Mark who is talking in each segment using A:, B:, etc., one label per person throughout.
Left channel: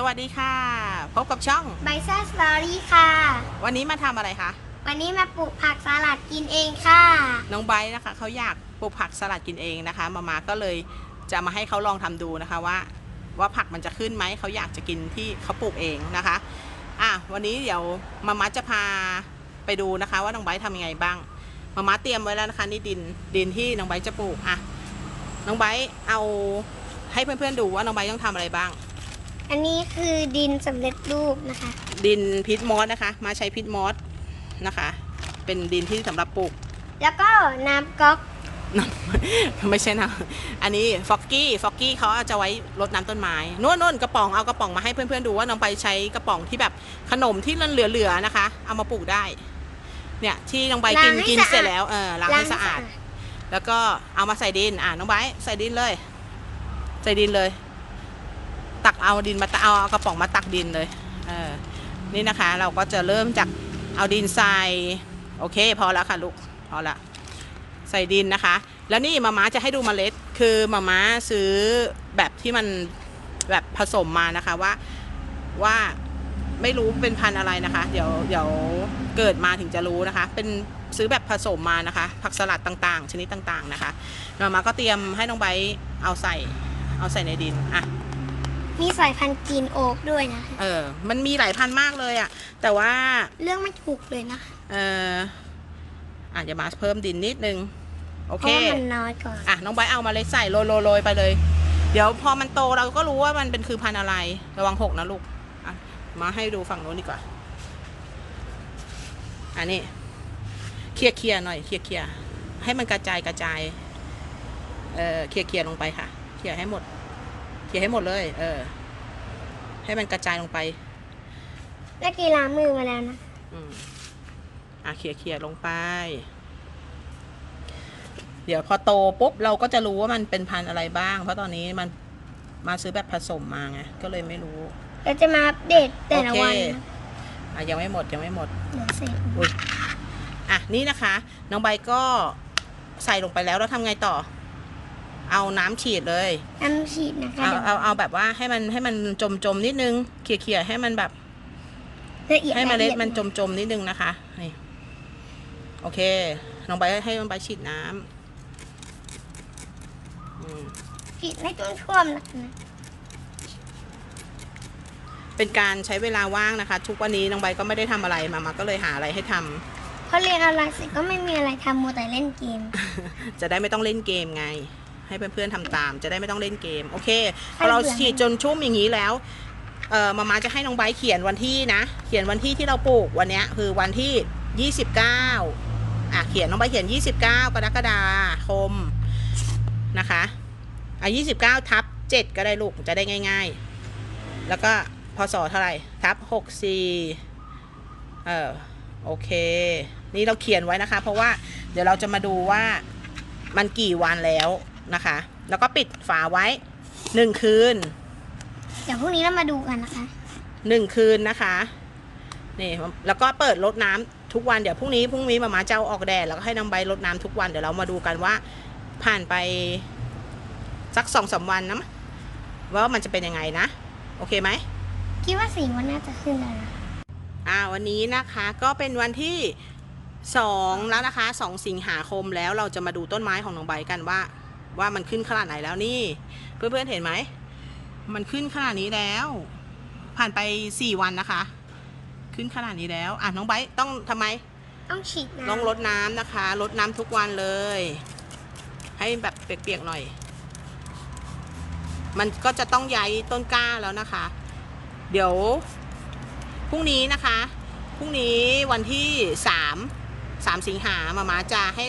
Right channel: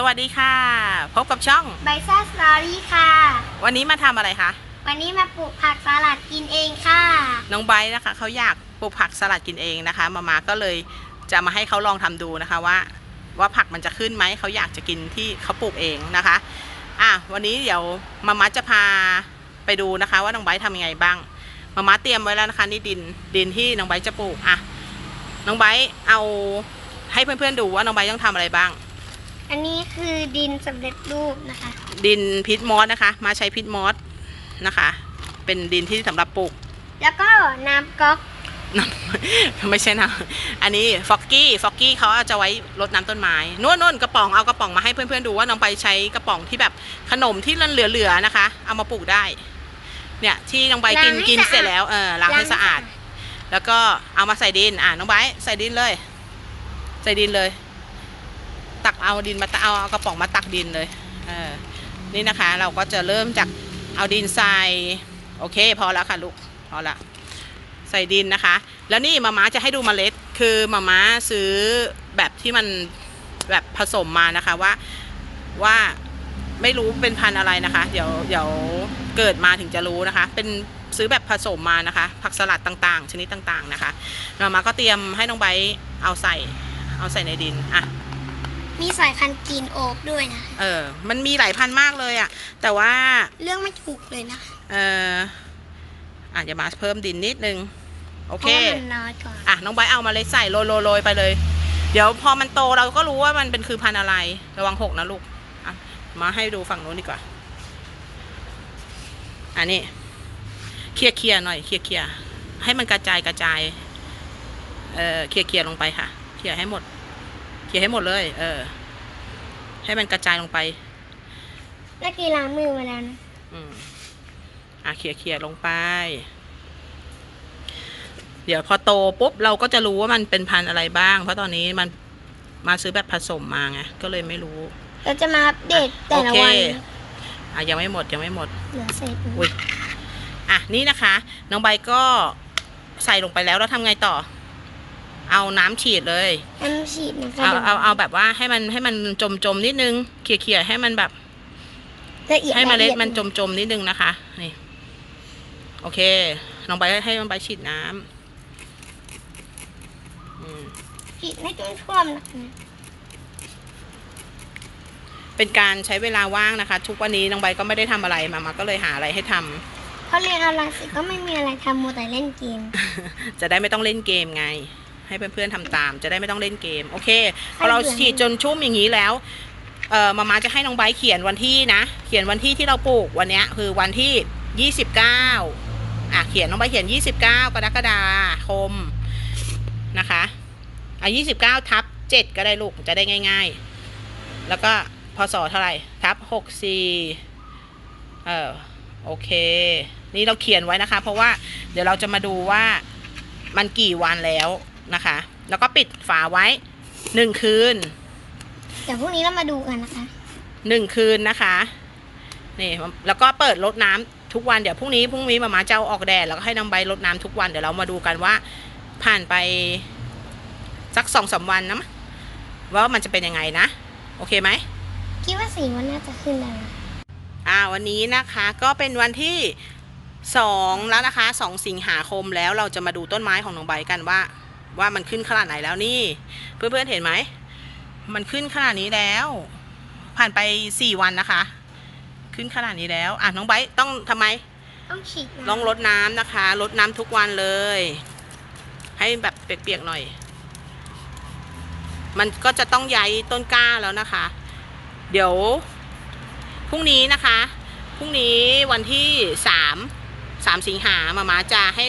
A: สวัสดีค่ะ พบกับช่อง
B: ไบซ่าสตอรี่ค่ะ
A: วันนี้มาทำอะไรคะ
B: วันนี้มาปลูกผักสลัดกินเองค่ะ
A: น้องไบร์ทนะคะเขาอยากปลูกผักสลัดกินเองนะคะ มามาก็เลยจะมาให้เขาลองทำดูนะคะว่า ว่าผักมันจะขึ้นไหมเขาอยากจะกินที่เขาปลูกเองนะคะ อะวันนี้เดี๋ยวมามาจะพาไปดูนะคะ ว่าน้องไบร์ททำยังไงบ้าง มามาเตรียมไว้แล้วนะคะนี่ดินดินที่น้องไบร์ทจะปลูกอะน้องไบร์ทเอาให้เพื่อนๆดูว่าน้องไบร์ทต้องทำอะไรบ้าง
B: อันนี้คือดินสำเร็จรูปนะคะ
A: ดินพิษมอสนะคะ มาใช้พิษมอสนะคะ เป็นดินที่สำหรับปลูก
B: แล้วก็น้ำก๊อก
A: น้ำไม่ใช่นะอันนี้ฟอกกี้ฟอกกี้เขาจะไว้รดน้ำต้นไม้นู่นนู่นกระป๋องเอากระป๋องมาให้เพื่อนๆดูว่าน้องไปใช้กระป๋องที่แบบขนมที่เหลือๆนะคะ เอามาปลูกได้ เนี่ยที่น้องใบกินกินเสร็จแล้วเออล้างให้สะอาด แล้วก็เอามาใส่ดินอ่าน้องไบร์ทใส่ดินเลย ใส่ดินเลย ตักเอาดินมาเอาเอากระป๋องมาตักดินเลยเออนี่นะคะเราก็จะเริ่มจากเอาดินใส่โอเค พอแล้วค่ะลูกพอละใส่ดินนะคะ แล้วนี่มาม้าจะให้ดูเมล็ด คือมาม้าซื้อแบบที่มันแบบผสมมานะคะว่าว่าไม่รู้เป็นพันธุ์อะไรนะคะ เดี๋ยวเดี๋ยวเกิดมาถึงจะรู้นะคะ เป็นซื้อแบบผสมมานะคะ ผักสลัดต่างๆ ชนิดต่างๆนะคะมาม้าก็เตรียมให้น้องไบเอาใส่เอาใส่ในดินอะ
B: มีสายพันธุ์กรีนโอ๊กด้วยนะ
A: เออ มันมีหลายพันธุ์มากเลยอะ่ะ แต่ว่า
B: เรื่องไม่ถูกเลยนะ
A: เอออาจจะมาเพิ่มดินนิดนึง โอ
B: เพ
A: เค
B: ราะว่ามันน้อยกว่า
A: อะ น้องไบร์ทเอามาเลยใส่โรยโรยโรยไปเลย เดี๋ยวพอมันโตเราก็รู้ว่ามันเป็นคือพันธุ์อะไร ระวังหกนะลูก อะ มาให้ดูฝั่งนู้นดีกว่า อันนี้เคลียร์เคลียร์หน่อยเคลียร์เคลียร์ให้มันกระจายกระจาย เออเคลียร์เคลียร์ลงไปค่ะ เคลียร์ให้หมด เคลียร์ให้หมดเลย เออ ให้มันกระจายลงไป
B: เมื่อกี้ล้างมือมาแล้วนะ
A: อืมอะเคลียร์เคลียร์ลงไป เดี๋ยวพอโตปุ๊บเราก็จะรู้ว่ามันเป็นพันธุ์อะไรบ้าง เพราะตอนนี้มันมาซื้อแบบผสมมาไงก็เลยไม่รู้
B: เราจะมาอัปเดตแต่ละวัน
A: โอเค
B: นะ
A: อะยังไม่หมดยังไม่หมด
B: เหลือเศษ
A: อุ้ยอะนี่นะคะ น้องใบก็ใส่ลงไปแล้วแล้วทำไงต่อ เอาน้ำฉีดเลย
B: น้ำฉีดนะคะ
A: เอาเอาเอาแบบว่าให้มันให้มันจมจมๆนิดนึงเขี่ยเขี่ยๆให้มันแบบ
B: ละเอียด
A: ให้เมล็ด
B: ละอีย
A: มันจมจมๆนิดนึงนะคะนี่โอเคน้องใบให้น้องใบฉีดน้ำอืม
B: ฉีดไม่ต้องท่วมนะคะ
A: เป็นการใช้เวลาว่างนะคะ ทุกวันนี้น้องใบก็ไม่ได้ทำอะไรมามาก็เลยหาอะไรให้ทำ
B: เพราะเรียนออนไลน์เสร็จก็ไม่มีอะไรทำมัวแต่เล่นเกม
A: จะได้ไม่ต้องเล่นเกมไง ให้เพื่อนๆทำตาม จะได้ไม่ต้องเล่นเกม โอเคพอเราฉีดจนชุ่มอย่างนี้แล้วเอ่อมามาจะให้น้องไบร์ทเขียนวันที่นะ เขียนวันที่ที่เราปลูกวันเนี้ยคือวันที่ 29อะเขียนน้องไบร์ทเขียน 29 กรกฎาคมนะคะอะ29 ทับ 7 ก็ได้ลูกจะได้ง่าย ๆ แล้วก็พศเท่าไหร่ทับ 64เออโอเค นี่เราเขียนไว้นะคะ เพราะว่าเดี๋ยวเราจะมาดูว่ามันกี่วันแล้ว นะคะ แล้วก็ปิดฝาไว้หนึ่งคืน
B: เดี๋ยวพรุ่งนี้เรามาดูกันนะคะ
A: หนึ่งคืนนะคะนี่แล้วก็เปิดรดน้ำทุกวันเดี๋ยวพรุ่งนี้พรุ่งนี้มามาจะเอาออกแดดแล้วก็ให้น้องใบรดน้ำทุกวันเดี๋ยวเรามาดูกันว่า ผ่านไปสักสองสามวันนะว่ามันจะเป็นยังไงนะ โอเคไหม
B: คิดว่าสีวันน่าจะขึ้นแล้วนะ
A: อ่าวันนี้นะคะก็เป็นวันที่สองแล้วนะคะสองสิงหาคมแล้วเราจะมาดูต้นไม้ของน้องใบกันว่า ว่ามันขึ้นขนาดไหนแล้วนี่ เพื่อนๆเห็นไหม มันขึ้นขนาดนี้แล้ว ผ่านไปสี่วันนะคะ ขึ้นขนาดนี้แล้วอะน้องใบต้องทำไม
B: ต้องฉีด
A: ลอง
B: น้ำ
A: รดน้ำนะคะรดน้ำทุกวันเลย ให้แบบเปียกๆหน่อย มันก็จะต้องย้ายต้นกล้าแล้วนะคะ เดี๋ยวพรุ่งนี้นะคะพรุ่งนี้วันที่สามสามสิงหามามาจะให้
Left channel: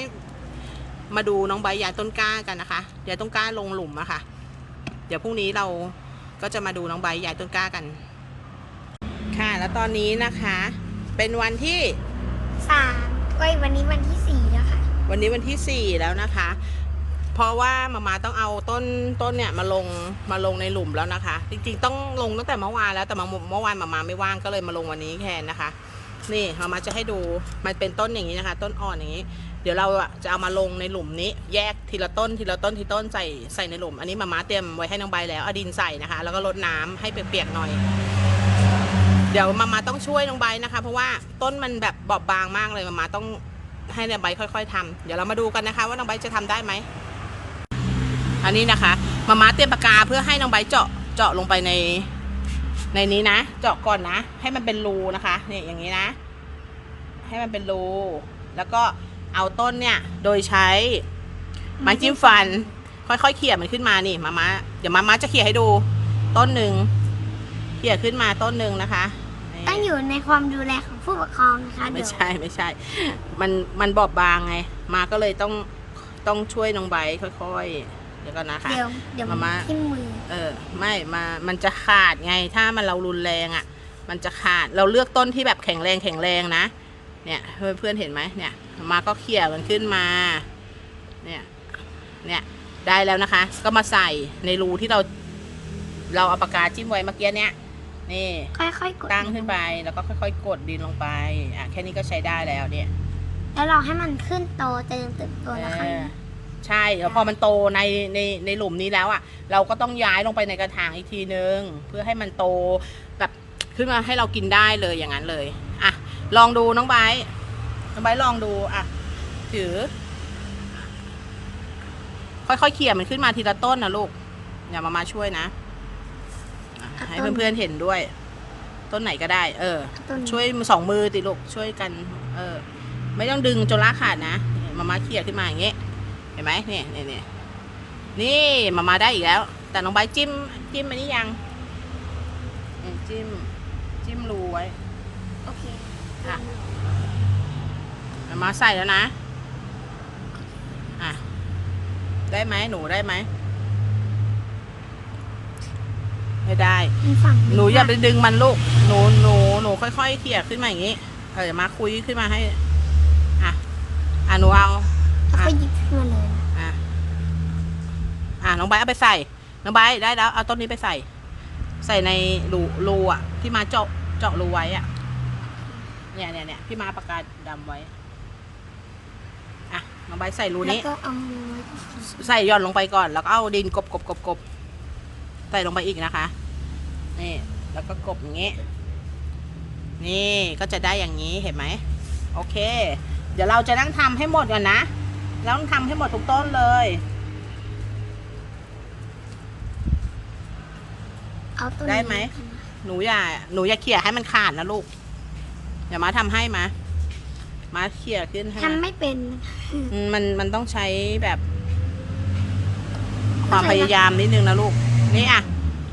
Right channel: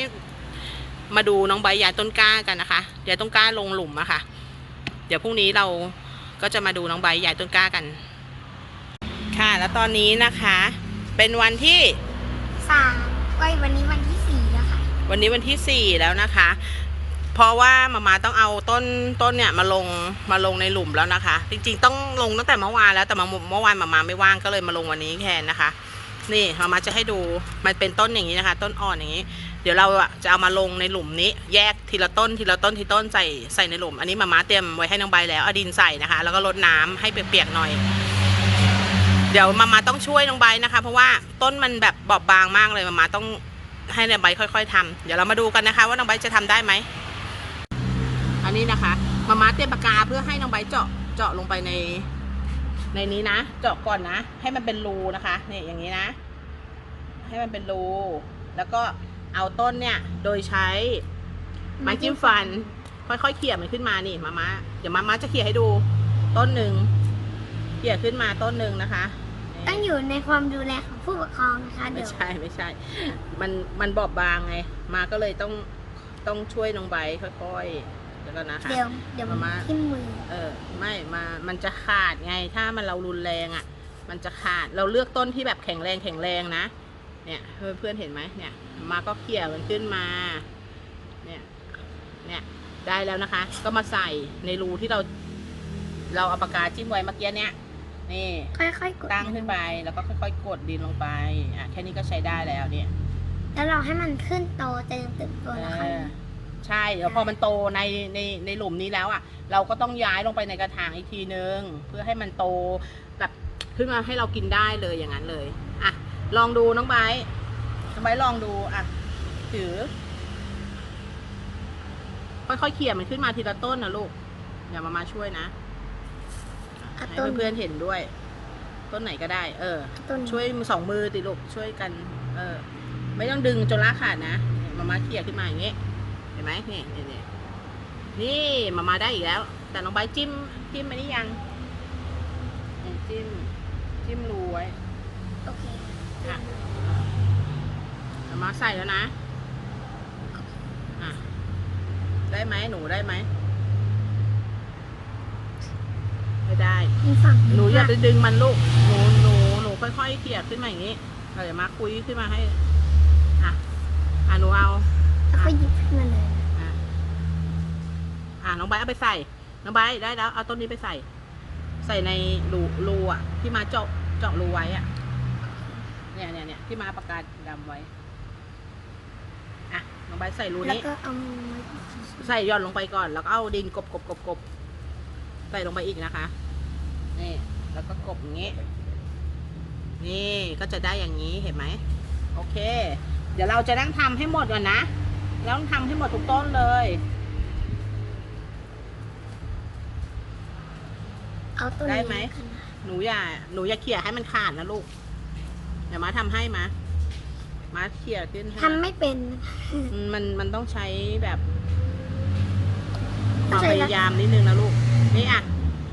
A: มาดูน้องใบย้ายต้นกล้ากันนะคะย้ายต้นกล้าลงหลุมอะค่ะ เดี๋ยวพรุ่งนี้เราก็จะมาดูน้องใบย้ายต้นกล้ากัน ค่ะ แล้วตอนนี้นะคะ เป็นวันที่
B: สามเอ้ยวันนี้วันที่สี่แล้วค่ะ
A: วันนี้วันที่สี่แล้วนะคะ เพราะว่ามามาต้องเอาต้นต้นเนี่ยมาลงมาลงในหลุมแล้วนะคะ จริงๆ ต้องลงตั้งแต่เมื่อวานแล้วแต่มาเมื่อวานมามาไม่ว่างก็เลยมาลงวันนี้แทนนะคะ นี่มามาจะให้ดูมันเป็นต้นอย่างนี้นะคะ ต้นอ่อนอย่างนี้ เดี๋ยวเราอะจะเอามาลงในหลุมนี้ แยกทีละต้นทีละต้นทีต้นใส่ใส่ในหลุม อันนี้มามาเตรียมไว้ให้น้องใบแล้วเอาดินใส่นะคะ แล้วก็รดน้ำให้เปียกๆหน่อย เดี๋ยวมามาต้องช่วยน้องใบนะคะ เพราะว่าต้นมันแบบบอบบางมากเลยมามาต้องให้น้องใบค่อย ๆทำเดี๋ยวเรามาดูกันนะคะ ว่าน้องใบจะทำได้ไหมอันนี้นะคะมามาเตรียมปากกาเพื่อให้น้องใบเจาะเจาะลงไปใน ในนี้นะ เจาะก่อนนะ ให้มันเป็นรูนะคะนี่อย่างนี้นะ ให้มันเป็นรู แล้วก็เอาต้นเนี่ย โดยใช้ไม้จิ้มฟัน ค่อยๆเขี่ยมันขึ้นมานี่มามาเดี๋ยวมามาจะเขี่ยให้ดู ต้นหนึ่งเขี่ยขึ้นมาต้นหนึ่งนะคะนี่
B: ต้องอยู่ในความดูแลของผู้ปกครองนะคะ
A: ไม่
B: เดี๋ยว
A: ใช่ไม่ใช่ มันมันบอบบางไง มาก็เลยต้องต้องช่วยน้องไบร์ทค่อยๆเดี๋ยวก่อนนะคะ
B: เดี๋ยวเดี๋ยว
A: มาม่า
B: ขึ้นมือ
A: เออไม่มามันจะขาดไงถ้ามันเรารุนแรงอะ่ะ มันจะขาดเราเลือกต้นที่แบบแข็งแรงแข็งแรงนะ เนี่ยเพื่อนเพื่อนๆเห็นไหมเนี่ยมาก็เขี่ยมันขึ้นมาเนี่ยเนี่ยได้แล้วนะคะ ก็มาใส่ในรูที่เรา เราเอาปากกาจิ้มไว้เมื่อกี้เนี่ยนี่
B: ค่อยๆกด
A: ตั้งขึ้นไปแล้วก็ค่อยๆ กดดินลงไปอะแค่นี้ก็ใช้ได้แล้วเนี่ย
B: แล้วเราให้มันขึ้นโตเจริญเติบโตแล้วค่อย
A: เออ ใช่แล้วพอมันโตในในในหลุมนี้แล้วอะ เราก็ต้องย้ายลงไปในกระถางอีกทีนึง เพื่อให้มันโตแบบขึ้นมาให้เรากินได้เลยอย่างนั้นเลยอะลองดูน้องไบร์ทน้องไบร์ทลองดูอะถือ ค่อยๆเขี่ยมันขึ้นมาทีละต้นนะลูกอย่ามามาช่วยนะอะให้เพื่อนๆเห็นด้วย ต้นไหนก็ได้ เออ
B: ต้น
A: ช่วยสองมือติลูกช่วยกัน เออ ไม่ต้องดึงจนลากขาดนะมามาเขี่ยขึ้นมาอย่างเงี้ยเห็นไหมเนี่ยเนี่ยเนี่ยนี่มามาได้อีกแล้ว แต่น้องใบร์ทจิ้มจิ้มอันนี้ยังนี่จิ้มจิ้มรูไว้
B: โอเค
A: อะมามาใส่แล้วนะอะได้ไหมหนูได้ไหมไม่ได้
B: มันฝั่ง
A: หนูอย่าไปดึงมันลูกหนูหนูหนูค่อยๆเขี่ยขึ้นมาอย่างนี้เออเดี๋ยวมาคุยขึ้นมาให้ อะอะหนูเอา
B: แล้วก็หยิบขึ้นมาเลย
A: อะ อะน้องใบร์ทเอาไปใส่ น้องใบร์ทได้แล้ว เอาต้นนี้ไปใส่ ใส่ในรูรูอะ ที่มาเจาะเจาะรูไว้อะ เนี่ยเนี่ยเนี่ยที่มาปากกาดำไว้ อะ น้องใบร์ทใส่รู
B: แล้ว
A: นี้
B: ก็เอามือไว้
A: ใส่หย่อนลงไปก่อน แล้วก็เอาดินกบกบกบกบใส่ลงไปอีกนะคะ นี่ แล้วก็กบอย่างนี้ นี่ก็จะได้อย่างนี้เห็นไหม โอเค เดี๋ยวเราจะนั่งทำให้หมดก่อนนะเราต้องทำให้หมดทุกต้นเลย
B: เอาต้น
A: ได้
B: นี้
A: ไหม หนูอย่า หนูอย่าเขี่ยให้มันขาดนะลูกเดี๋ยวมาทำให้มามาเขี่ยขึ้นให้
B: ทำ
A: มา
B: ไม่เป็น
A: อืมมันมันต้องใช้แบบค
B: เข้าวา
A: ม
B: ใจ
A: พ
B: ละ
A: ยายามนิดนึงนะลูก นี่อะ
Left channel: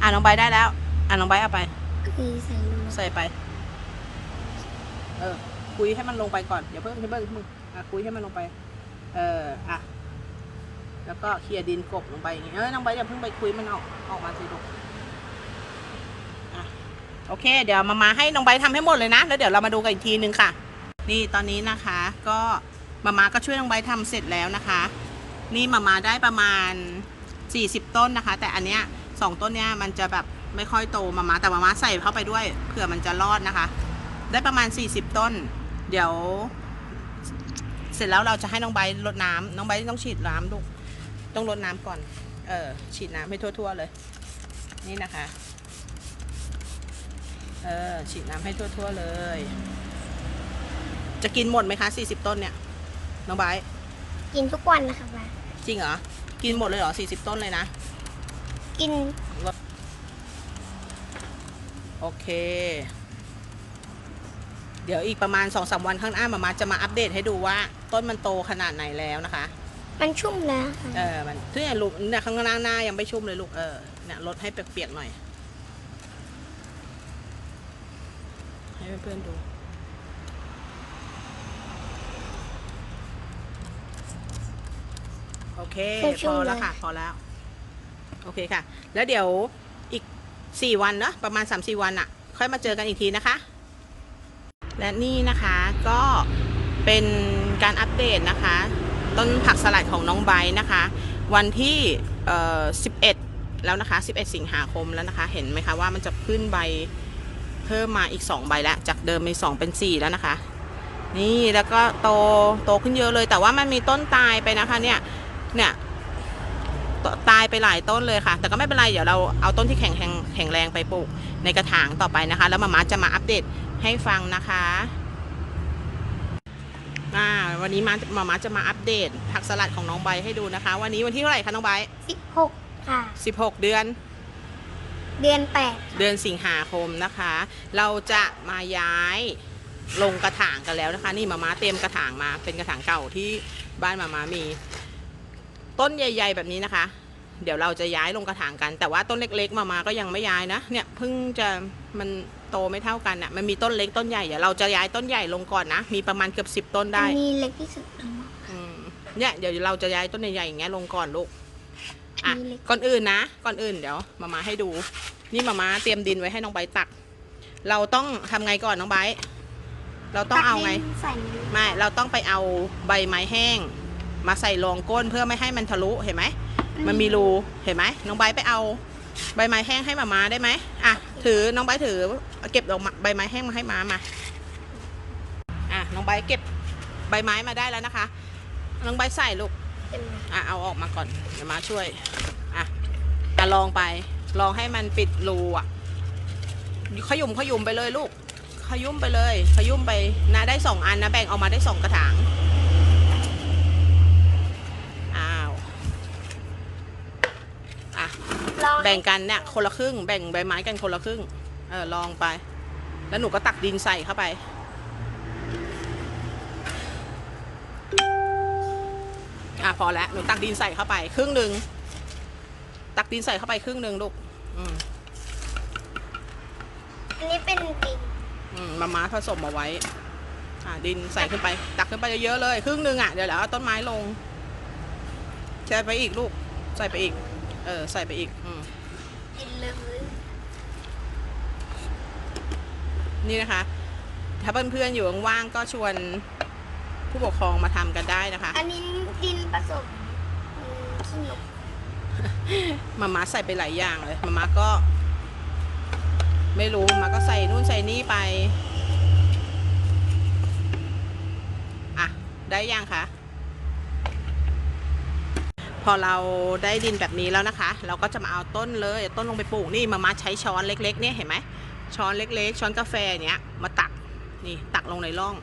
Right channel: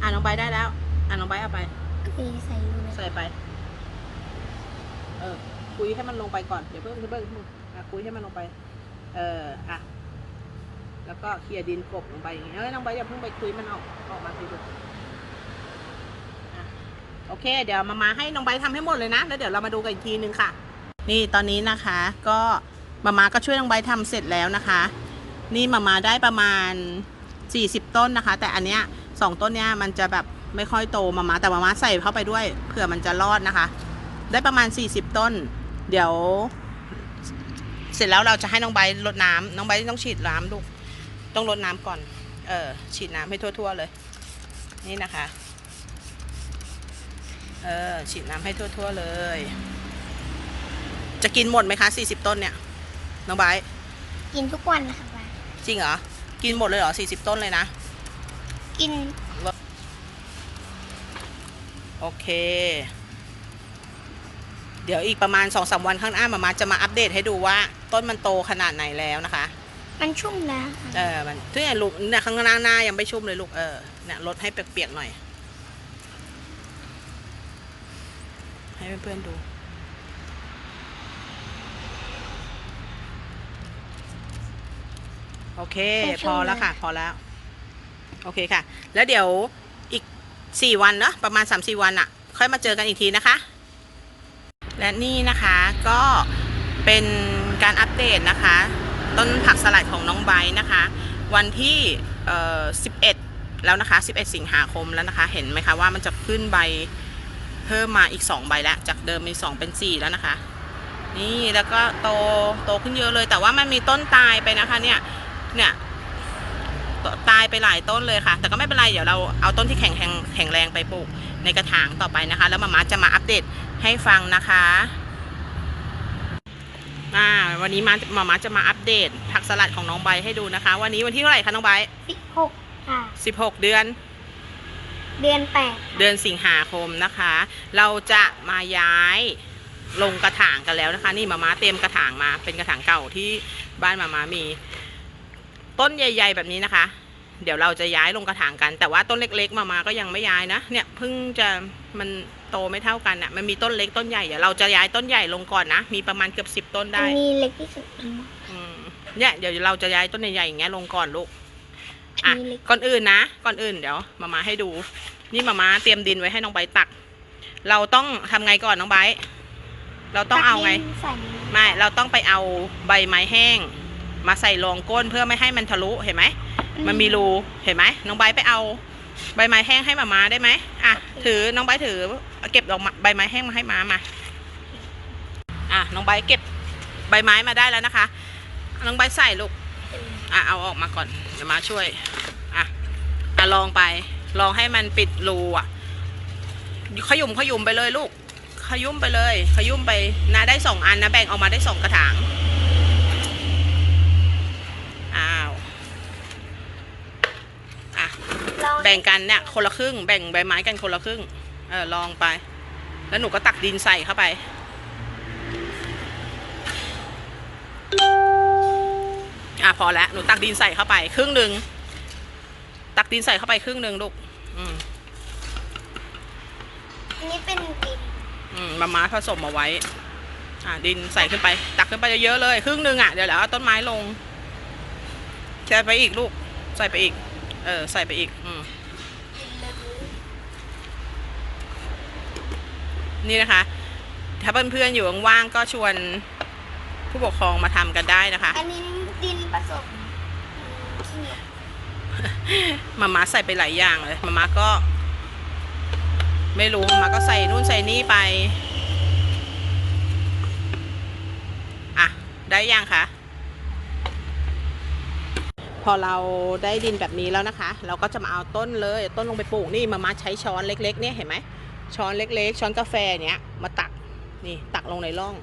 A: อะน้องใบร์ทได้แล้ว อะน้องใบร์ทเอาไป
B: โอเคใส่มือ
A: ใส่ไป เออ คุยให้มันลงไปก่อน อย่าเพิ่งอย่าเพิ่งอย่าเพิ่งอะคุยให้มันลงไป เออ อะ แล้วก็เคลียร์ดินกบลงไปอย่างงี้เอ้ยน้องใบร์ทอย่าเพิ่งไปคุยมันออก ออกมาสิลูกอะ โอเค เดี๋ยวมามาให้น้องใบททำให้หมดเลยนะ แล้วเดี๋ยวเรามาดูกันอีกทีนึงค่ะ นี่ตอนนี้นะคะ ก็มามาก็ช่วยน้องใบททำเสร็จแล้วนะคะ นี่มามาได้ประมาณ 40 ต้นนะคะ แต่อันเนี้ยสองต้นเนี้ยมันจะแบบไม่ค่อยโตมามาแต่มามาใส่เข้าไปด้วยเผื่อมันจะรอดนะคะ ได้ประมาณ 40 ต้น เดี๋ยว เสร็จแล้วเราจะให้น้องใบรดน้ำน้องใบต้องฉีดน้ำลูกต้องรดน้ำก่อน เออฉีดน้ำให้ทั่ว ๆ เลย นี่นะคะ เออฉีดน้ำให้ทั่ว ๆ เลย จะกินหมดไหมคะ40ต้นเนี่ย น้องใบร์ท
B: กินทุกวันนะคะป้า
A: จริงเหรอ กินหมดเลยเหรอ40ต้นเลยนะ
B: กิน
A: โอเค เดี๋ยวอีกประมาณ2อสวันข้างหน้ามามาจะมาอัปเดตให้ดูว่าต้นมันโตขนาดไหนแล้วนะคะ
B: มันชุ่มแล้วค่ะ
A: เออมันที่เนี่ยลูกเนี่ยข้างหน้าหน้ายังไม่ชุ่มเลยลูกเออเนี่ยลดให้เปียกๆหน่อย ให้เพื่อนๆดูโอเค พอแล้วค่ะ พอแล้ว โอเคค่ะ แล้วเดี๋ยวอีก4วันเนาะประมาณ3-4วันอะค่อยมาเจอกันอีกทีนะคะ และนี่นะคะก็เป็นการอัปเดตนะคะ ต้นผักสลัดของน้องไบร์ทนะคะ วันที่เอ่อ11แล้วนะคะ 11 สิงหาคมแล้วนะคะ เห็นไหมคะว่ามันจะขึ้นใบ เพิ่มมาอีกสองใบแล้วจากเดิมมีสองเป็นสี่แล้วนะคะ นี่แล้วก็โตโตขึ้นเยอะเลย แต่ว่ามันมีต้นตายไปนะคะเนี่ยเนี่ยตตายไปหลายต้นเลยค่ะ แต่ก็ไม่เป็นไร เดี๋ยวเราเอาต้นที่แข็งแข็งแข็งแรงไปปลูกในกระถางต่อไปนะคะ แล้วมาม่าจะมาอัปเดตให้ฟังนะคะอ่าวันนี้มามาม่าจะมาอัปเดตผักสลัดของน้องใบให้ดูนะคะ วันนี้วันที่เท่าไหร่คะน้องใบ
B: สิบหกค่ะ
A: สิบหกเดือน
B: เดือนแปด
A: เดือนสิงหาคมนะคะ เราจะมาย้ายลงกระถางกันแล้วนะคะ นี่มาม้าเตรียมกระถางมาเป็นกระถางเก่าที่บ้านมาม้ามี ต้นใหญ่ ๆ แบบนี้นะคะ เดี๋ยวเราจะย้ายลงกระถางกัน แต่ว่าต้นเล็ก ๆ มามาก็ยังไม่ย้ายนะเนี่ยเพิ่งจะมันโตไม่เท่ากันอะมันมีต้นเล็กต้นใหญ่เดี๋ยวเราจะย้ายต้นใหญ่ลงก่อนนะมีประมาณเกือบสิบต้น
B: อั
A: ได้
B: นนี้เล็กที่สุดแล้ว
A: อืมเนี่ยเดี๋ยวเราจะย้ายต้นใหญ่ๆอย่างเงี้ยลงก่อนลูก อะ
B: อันนี้เล็ก
A: ก่อนอื่นนะ ก่อนอื่นเดี๋ยวมามาให้ดู นี่มามาเตรียมดินไว้ให้น้องไบร์ทตัก เราต้องทำไงก่อนน้องไบร์ทเราต้องเอาไง
B: ใส่
A: ไม่เราต้องไปเอาใบไม้แห้ง มาใส่รองก้นเพื่อไม่ให้มันทะลุเห็นไหมมันมีรูเห็นไหมน้องไบร์ทไปเอาใบไม้แห้งให้มามาได้ไหมอะถือน้องไบร์ทถือเก็บดอกไม้ใบไม้แห้งมาให้มามาอะน้องไบร์ทเก็บใบไม้มาได้แล้วนะคะ น้องไบร์ทใส่ลูก อะเอาออกมาก่อนเดี๋ยวมาช่วย อะอะลองไป ลองให้มันปิดรูอะขยุมขยุมไปเลยลูก ขยุมไปเลย ขยุมไปนะได้สองอันนะแบ่งออกมาได้สองกระถางอ้าวอะ
B: ลอง
A: แบ่งกันเนี่ยคนละครึ่ง แบ่งใบไม้กันคนละครึ่งเออลองไป แล้วหนูก็ตักดินใส่เข้าไป พอแล้วหนูตักดินใส่เข้าไป ครึ่งหนึ่งตักดินใส่เข้าไปครึ่งหนึ่งลูกอืม
B: อันนี้เป็นดิน
A: อืมมาม้าผสมมาไว้ อ่า ดินใส่ขึ้นไป ตักขึ้นไปเยอะๆเลย ครึ่งหนึ่งอะเดี๋ยวแล้วเอาต้นไม้ลงใส่ไปอีกลูก ใส่ไปอีก เออ ใส่ไปอีก อืม
B: ดินเลย
A: นี่นะคะ ถ้าเพื่อนๆอยู่ว่างๆก็ชวน ผู้ปกครองมาทำกันได้นะคะ
B: อันนี้ดินผสมอืมขี้นก
A: มาม่าใส่ไปหลายอย่างเลยมาม่าก็ ไม่รู้มาม่าก็ใส่นู่นใส่นี่ไปอะได้ยังคะพอเราได้ดินแบบนี้แล้วนะคะ เราก็จะมาเอาต้นเลยต้นลงไปปลูกนี่มาม่าใช้ช้อนเล็กๆเนี่ยเห็นไหมช้อนเล็กๆ ช้อนกาแฟเนี้ยมาตักนี่ตักลงในร่อง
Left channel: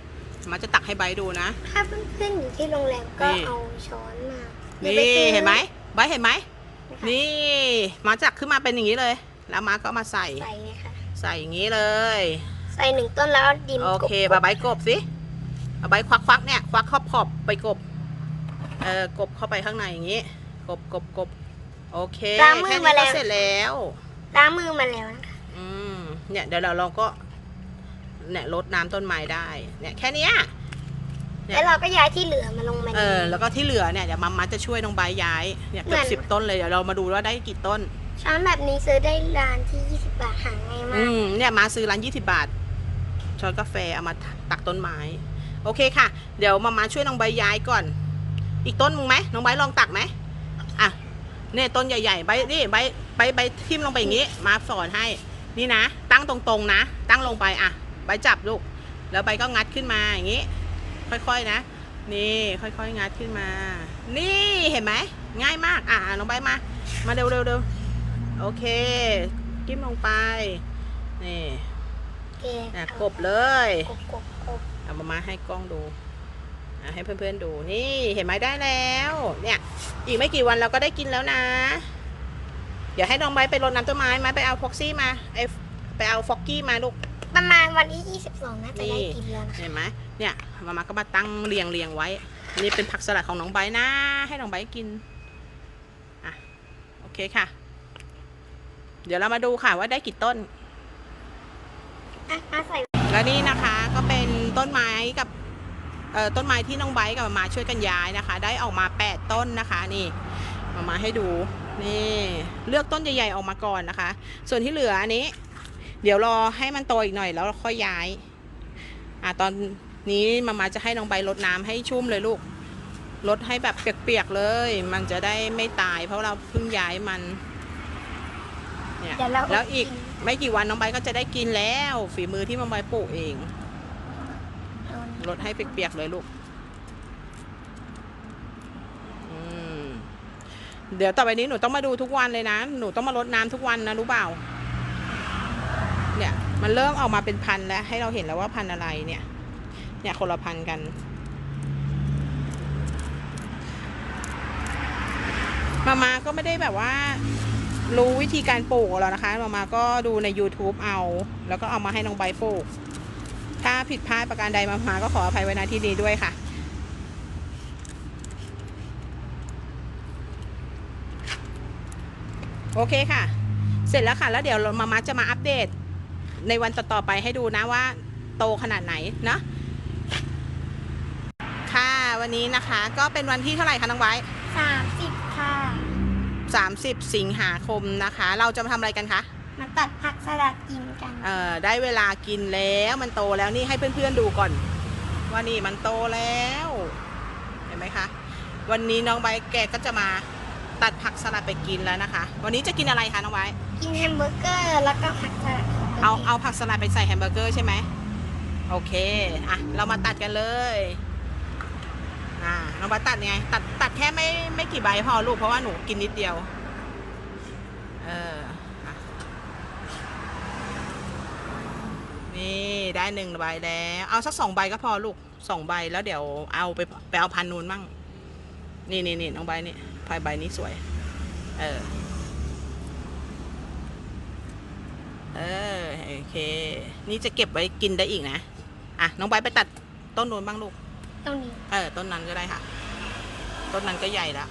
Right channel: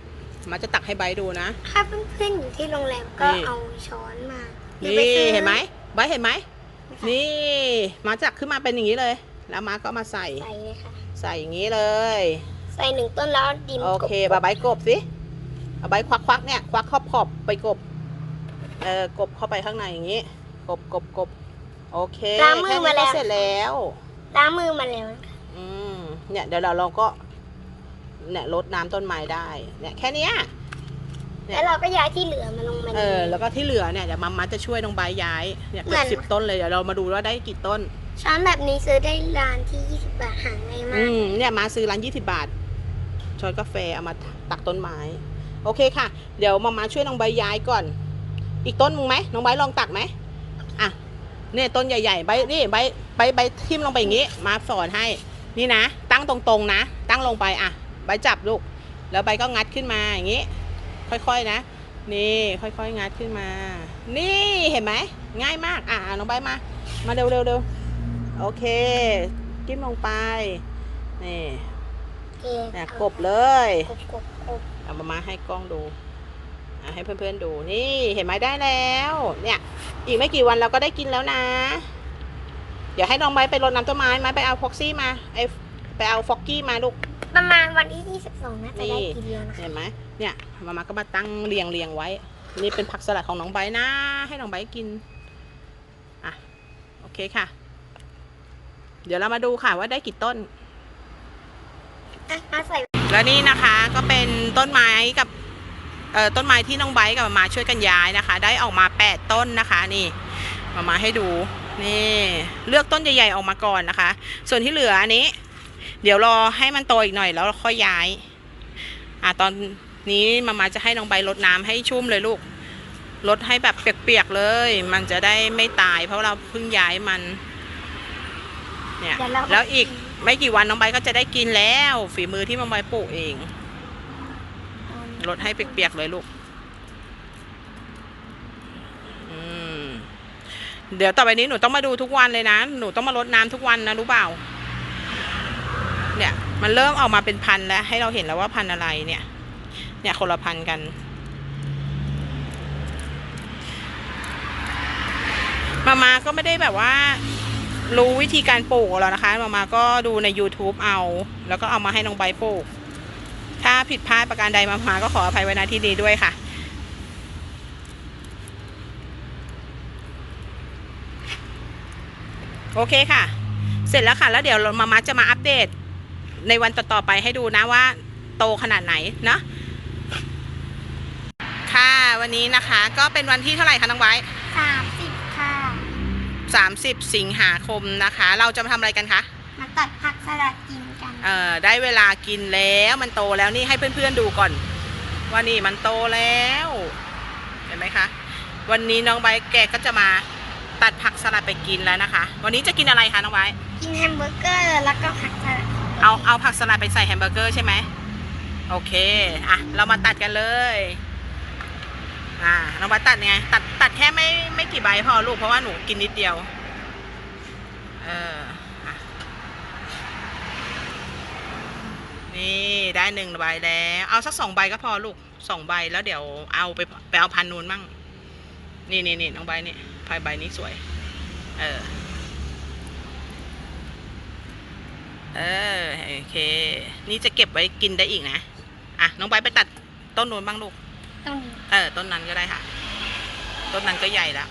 A: มาจะตักให้ใบร์ทดูนะ
B: ถ้าเพื่อนๆอยู่ที่โรงแรมก็
A: นี่
B: เอาช้อนมา
A: นี่
B: รือปซื้อ
A: เห็นไหมใบร์ทเห็นไหม
B: นะคะ
A: นี่ มาจักขึ้นมาเป็นอย่างนี้เลย แล้วมาก็มาใส่
B: ใส่เลยค่ะ
A: ใส่อย่างนี้เลย
B: ใส่หนึ่งต้นแล้วดิน
A: โอเค
B: ก
A: บาใบกบสิเอาใบควักควักๆเนี่ย ควักขอบขอบๆไปกบ เออกบเข้าไปข้างในอย่างนี้ กบกบกบโอเคแค่นี้ก็เสร็จแล้ว
B: ล้างมือมาแล้วนะคะ
A: อืม เนี่ยเดี๋ยวเราเราก็ เนี่ยลดน้ำต้นไม้ได้ เนี่ยแค่เนี้ย เนี่ย
B: แล้วเราก็ย้ายที่เหลือมาลงมา
A: เออแล้วก็ที่เหลือเนี่ยเดี๋ยวมัมมัจะช่วยน้องใบร์ทย้ายเนี่ยเกือบ
B: นั่น
A: สิบต้นเลยเดี๋ยวเรามาดูว่าได้กี่ต้น
B: ช้อนแบบนี้ซื้อได้ร้านที่ 20 บาทหาง่ายมา
A: อื
B: ก
A: มเนี่ยมาซื้อร้านยี่สิบาทช้อนกาแฟเอามาตักต้นไม้ โอเคค่ะ เดี๋ยวมามาช่วยน้องใบย้ายก่อน อีกต้นมึงไหมน้องใบลองตักไหมอะเนี่ยต้นใหญ่ๆใบนี่ใบใบใบทิ่มลงไปอย่างนี้ มาสอนให้นี่นะ ตั้งตรงๆนะ ตั้งลงไปอะ ใบจับลูก แล้วใบก็งัดขึ้นมาอย่างนี้ ค่อยๆนะ นี่ค่อยๆงัดขึ้นมา นี่เห็นไหมง่ายมาก อะน้องใบมา มาเร็วๆเร็วโอเค กิ้มลงไป นี่
B: โอเค
A: นะกบเลย
B: กบกบกบ
A: เอามามาให้กล้องดูอะให้เพื่อนๆดูนี่เห็นไหมได้แล้ว เนี่ย อีกไม่กี่วันเราก็ได้กินแล้วนะ เดี๋ยวให้น้องไม้ไปรดน้ำต้นไม้ไม้ไปเอาฟ็อกซี่มาไอไปเอาฟ็อกกี้มาลูก
B: ประมาณวันที่ 22น่าจะ
A: นี่
B: ได้กินแล้วนะคะ
A: เห็นไหมเนี่ยมามาก็มาตั้งเรียงเรียงไว้ นี่เป็นผักสลัดของน้องไบร์ทนะ ให้น้องไบร์ทกิน อะ โอเคค่ะ เดี๋ยวเรามาดูค่ะว่าได้กี่ต้น
B: อะมาใส่
A: และนี่นะคะก็เป็นต้นไม้กับเอ่อต้นไม้ที่น้องไบร์ทกับมามาช่วยกันย้ายนะคะ ได้ออกมา 8 ต้นนะคะนี่มามาให้ดูนี่เลือกต้นใหญ่ๆออกมาก่อนนะคะ ส่วนที่เหลืออันนี้ เดี๋ยวรอให้มันโตอีกหน่อยแล้วค่อยย้าย อะตอนนี้มามาจะให้น้องใบร์ทรดน้ำให้ชุ่มเลยลูกรดให้แบบเปียกๆเลย มันจะได้ไม่ตาย เพราะเราเพิ่งย้ายมัน เนี่ย
B: เดี๋ยวเรา
A: แล้วอีกไม่กี่วันน้องใบร์ทก็จะได้กินแล้ว ฝีมือที่น้องใบร์ทปลูกเองรดให้เปียกๆเลยลูกอืมเดี๋ยวต่อไปนี้หนูต้องมาดูทุกวันเลยนะ หนูต้องมารดน้ำทุกวันนะรู้เปล่า เนี่ยมันเริ่มออกมาเป็นพันแล้ว ให้เราเห็นแล้วว่าพันอะไรเนี่ย เนี่ยคนละพันกัน มามาก็ไม่ได้แบบว่า รู้วิธีการปลูกแล้วนะคะ มามาก็ดูใน YouTube เอา แล้วก็เอามาให้น้องใบปลูก ถ้าผิดพลาดประการใดมามาก็ขออภัยไว้ณที่นี้ด้วยค่ะโอเคค่ะ เสร็จแล้วค่ะ แล้วเดี๋ยวมามาจะมาอัปเดต ในวันต่อๆไปให้ดูนะว่าโตขนาดไหนเนาะค่ะวันนี้นะคะก็เป็นวันที่เท่าไหร่คะน้องไว้
B: สามสิบค่ะ
A: 30สิงหาคมนะคะ เราจะมาทำอะไรกันคะ
B: มาตัดผักสลัดกินกัน
A: เอ่อได้เวลากินแล้วมันโตแล้วนี่ให้เพื่อนๆดูก่อน ว่านี่มันโตแล้ว เห็นไหมคะ วันนี้น้องใบร์ทแกก็จะมา ตัดผักสลัดไปกินแล้วนะคะ วันนี้จะกินอะไรคะน้องใบร์ท
B: กินแฮมเบอร์เกอร์แล้วก็ผักสลัด
A: เอาเอาผักสลัดไปใส่แฮมเบอร์เกอร์ใช่ไหมโอเคอะเรามาตัดกันเลยอ่าน้องใบร์ทตัดยังไง ตัดตัดแค่ไม่ไม่กี่ใบพอลูกเพราะว่าหนูกินนิดเดียวเอออะนี่ได้หนึ่งใบแล้ว เอาสักสองใบก็พอลูกสองใบแล้วเดี๋ยวเอาไปไปเอาพันนูนมั่ง นี่นี่นี่น้องใบนี่พายใบนี้สวย เออ เออ โอเค นี่จะเก็บไว้กินได้อีกนะ อะ น้องใบร์ทไปตัดต้นนู้นบ้างลูก
B: ตรงนี้
A: เออ ต้นนั้นก็ได้ค่ะ ต้นนั้นก็ใหญ่แล้ว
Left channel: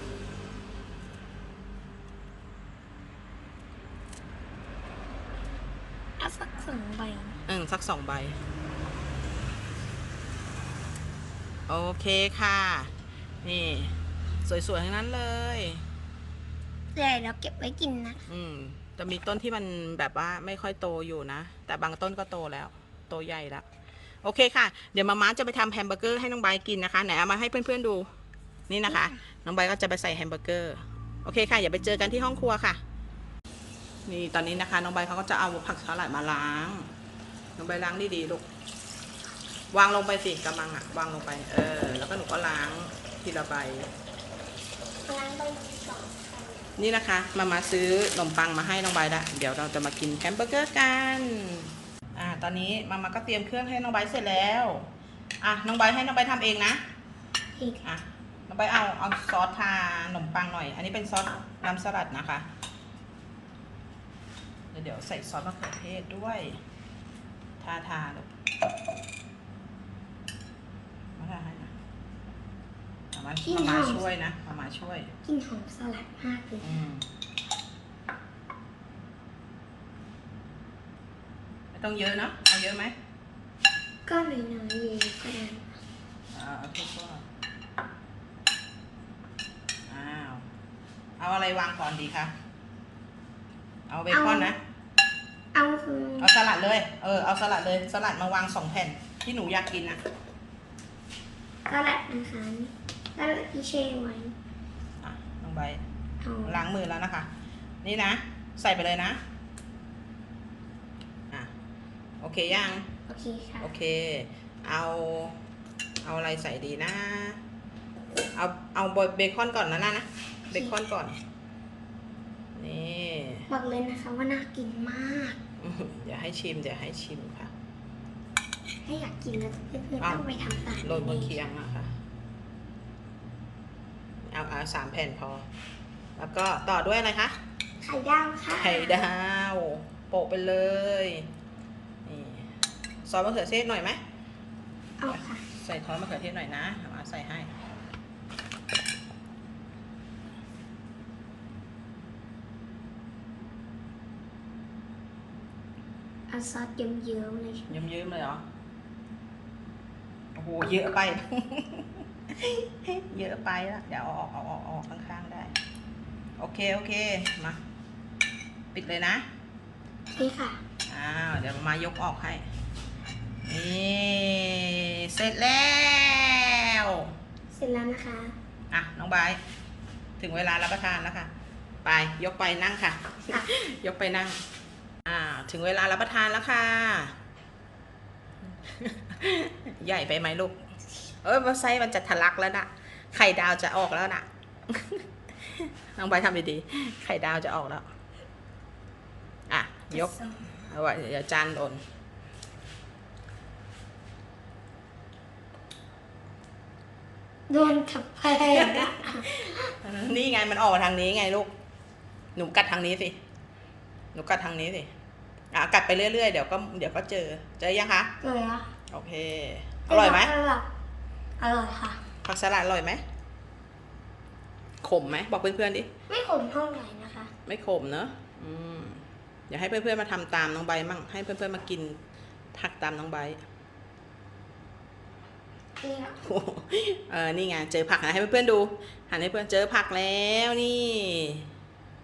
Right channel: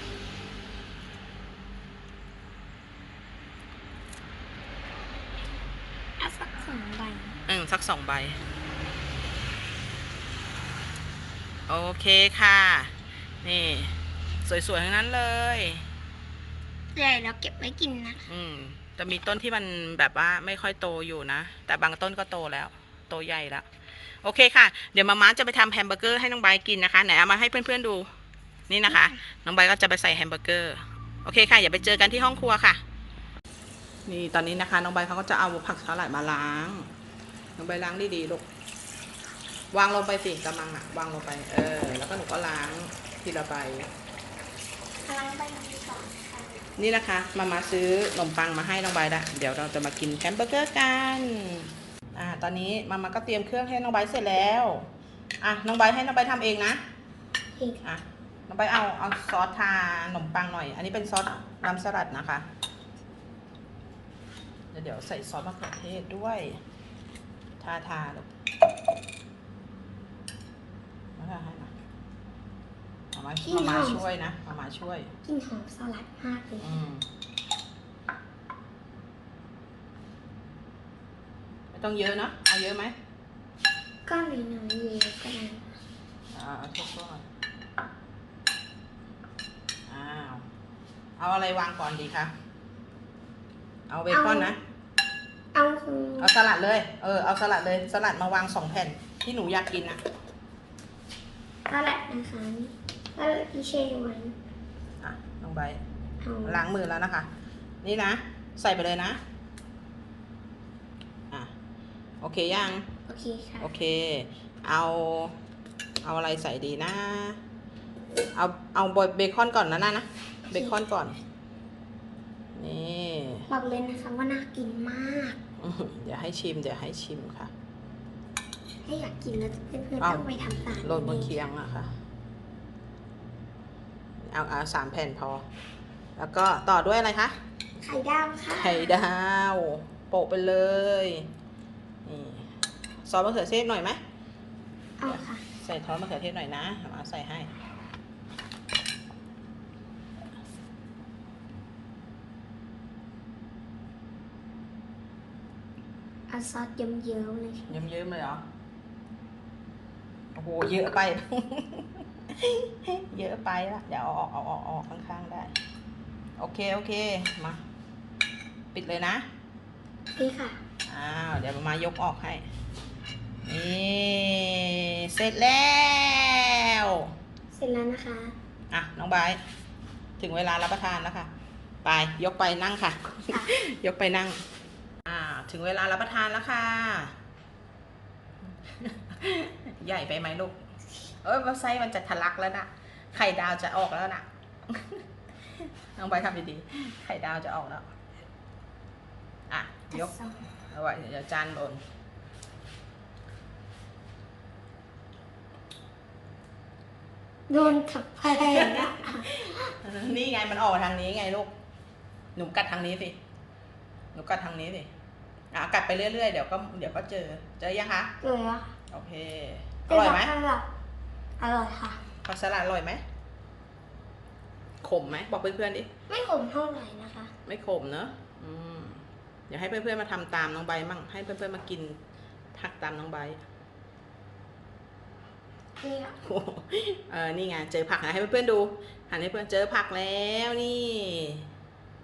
B: เอาสักสองใบ
A: อืมสักสองใบ โอเคค่ะ นี่ สวยๆ ทั้งนั้นเลย
B: ใหญ่เราเก็บไว้กินนะ
A: อืมจะมีต้นที่มันแบบว่าไม่ค่อยโตอยู่นะ แต่บางต้นก็โตแล้ว โตใหญ่แล้ว โอเคค่ะ เดี๋ยวมาม่าจะไปทำแฮมเบอร์เกอร์ให้น้องใบร์ทกินนะคะ ไหนเอามาให้เพื่อนๆดู นี่นะคะ น้องใบร์ทก็จะไปใส่แฮมเบอร์เกอร์ โอเคค่ะ อย่าไปเจอกันที่ห้องครัวค่ะ นี่ตอนนี้นะคะ น้องใบร์ทเขาก็จะเอาผักสลัดมาล้าง น้องใบร์ทล้างดีๆลูก วางลงไปสิกำมังอะวางลงไป เออ แล้วก็หนูก็ล้างทีละใบ
B: ล้างใบนี้ก่อนค่ะ
A: นี่นะคะมามาซื้อขนมปังมาให้น้องใบละเดี๋ยวเราจะมากินแฮมเบอร์เกอร์กันอ่าตอนนี้มามาก็เตรียมเครื่องให้น้องใบเสร็จแล้วอะน้องใบให้น้องใบทำเองนะ
B: อะ
A: น้องใบเอาเอาซอสทาขนมปังหน่อย อันนี้เป็นซอสน้ำสลัดนะคะเดี๋ยวเดี๋ยวใส่ซอสมะเขือเทศด้วย ทาทาลูกมาทาให้หน่อยมา มามามาช่วยนะมามาช่วย
B: กินหอมสลัดมากเลย
A: อืมไม่ต้องเยอะเนอะเอาเยอะไหม
B: ก็เลยน้อยเยอะก็ได้
A: อ่าเอาทุกตัวอ้าวเอาอะไรวางก่อนดีคะเอาเบคอนนะ
B: เอาคือ
A: เอาสลัดเลย เออ เอาสลัดเลย สลัดมาวางสองแผ่นที่หนูอยากกินนะ
B: สลัดนะคะ สลัดที่เชไว้
A: อะลงไป
B: เอา
A: ล้างมือแล้วนะคะ นี่นะ ใส่ไปเลยนะ อะ โอเคยัง
B: โอเคค่ะ
A: โอเค เอา เอาอะไรใส่ดีนะ เอา เอาเบคอนก่อนนะนะนะ เบคอนก่อน นี่
B: บอกเลยนะคะว่าน่ากินมาก
A: อื้อหือเดี๋ยวให้ชิม เดี๋ยวให้ชิมค่ะ
B: ถ้าอยากกินแล้วเพื่อนๆ
A: อ้าว
B: ต้องไปทำตาม
A: โรยบนเคียงอะค่ะ เอาเอาสามแผ่นพอ แล้วก็ต่อด้วยอะไรคะ
B: ไข่ดาวค่ะ
A: ไข่ดาว โปะไปเลย นี่ซอสมะเขือเทศหน่อยไหม
B: เอาค่ะ
A: ใส่ซอสมะเขือเทศหน่อยนะเอามาใส่ให้
B: เอาซอสเยิ้มๆเลย
A: เยิ้มๆเลยเหรอ โอ้โห เยอะไป เยอะไปละเดี๋ยวเอาออกเอาออกเอาออกข้างๆได้ โอเคโอเคมา ปิดเลยนะ
B: นี่ค่ะ
A: อ้าวเดี๋ยวมายกออกให้ นี่เสร็จแล้ว
B: เสร็จแล้วนะคะ
A: อะน้องไบร์ทถึงเวลารับประทานแล้วค่ะ ไปยกไปนั่งค่ะ
B: ค่ะ
A: ยกไปนั่งอ่าทถึงเวลารับประทานแล้วค่ะ ใหญ่ไปไหมลูก เอ้ยมันไส้มันจะทะลักแล้วนะไข่ดาวจะออกแล้วนะน้องใบร์ททำดีๆไข่ดาวจะออกแล้ว อะ ยกเอาไว้เดี๋ยวจานโดน
B: โดนกับแพงอะ
A: นี่ไงมันออกมาทางนี้ไงลูก หนูกัดทางนี้สิ หนูกัดทางนี้สิ อะกัดไปเรื่อยๆ เดี๋ยวก็เดี๋ยวก็เจอ เจอยังคะ
B: เลยอะ
A: โอเค อร่อยไหม
B: อร่อยอร่อยค่ะ
A: ผักสลัดอร่อยไหมขมไหมบอกเพื่อนๆดิ
B: ไม่ขมเท่าไหร่นะคะ
A: ไม่ขมเนอะอืมเดี๋ยวให้เพื่อนๆมาทำตามน้องใบร์ทมั่ง ให้เพื่อนๆมากินผักตามน้องใบร์ท
B: นี่อะ
A: โอ้โหเออนี่ไง เจอผักนะให้เพื่อนๆดู หันให้เพื่อนเจอผักแล้วนี่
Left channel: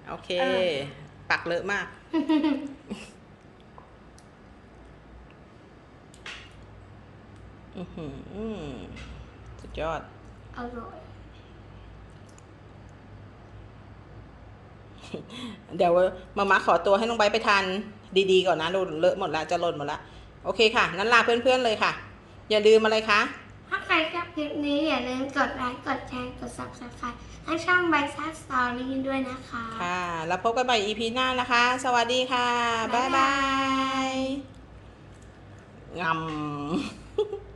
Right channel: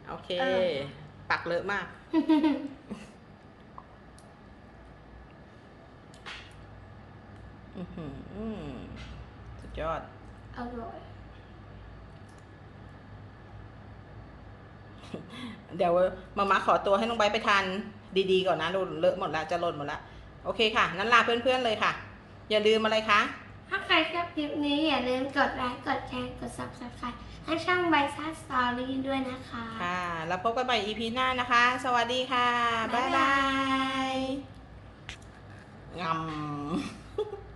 A: โอเค ปักเลอะมาก อือหืออืมสุด ยอด
B: อร่อย
A: เดี๋ยวมามาขอตัวให้น้องใบร์ทไปทานดีๆก่อนนะหล่นเลอะหมดละจะหล่นหมดละโอเคค่ะนั้นลาเพื่อนๆเลยค่ะ อย่าลืมอะไรคะ
B: ถ้าใครชอบคลิปนี้อย่าลืมกดไลค์กดแชร์กด subscribe ให้ช่องใบซ่าสตอรี่ด้วยนะคะ
A: ค่ะ แล้วพบกันใหม่ EP หน้านะคะ สวัสดีค่ะ บ๊ายบายงำ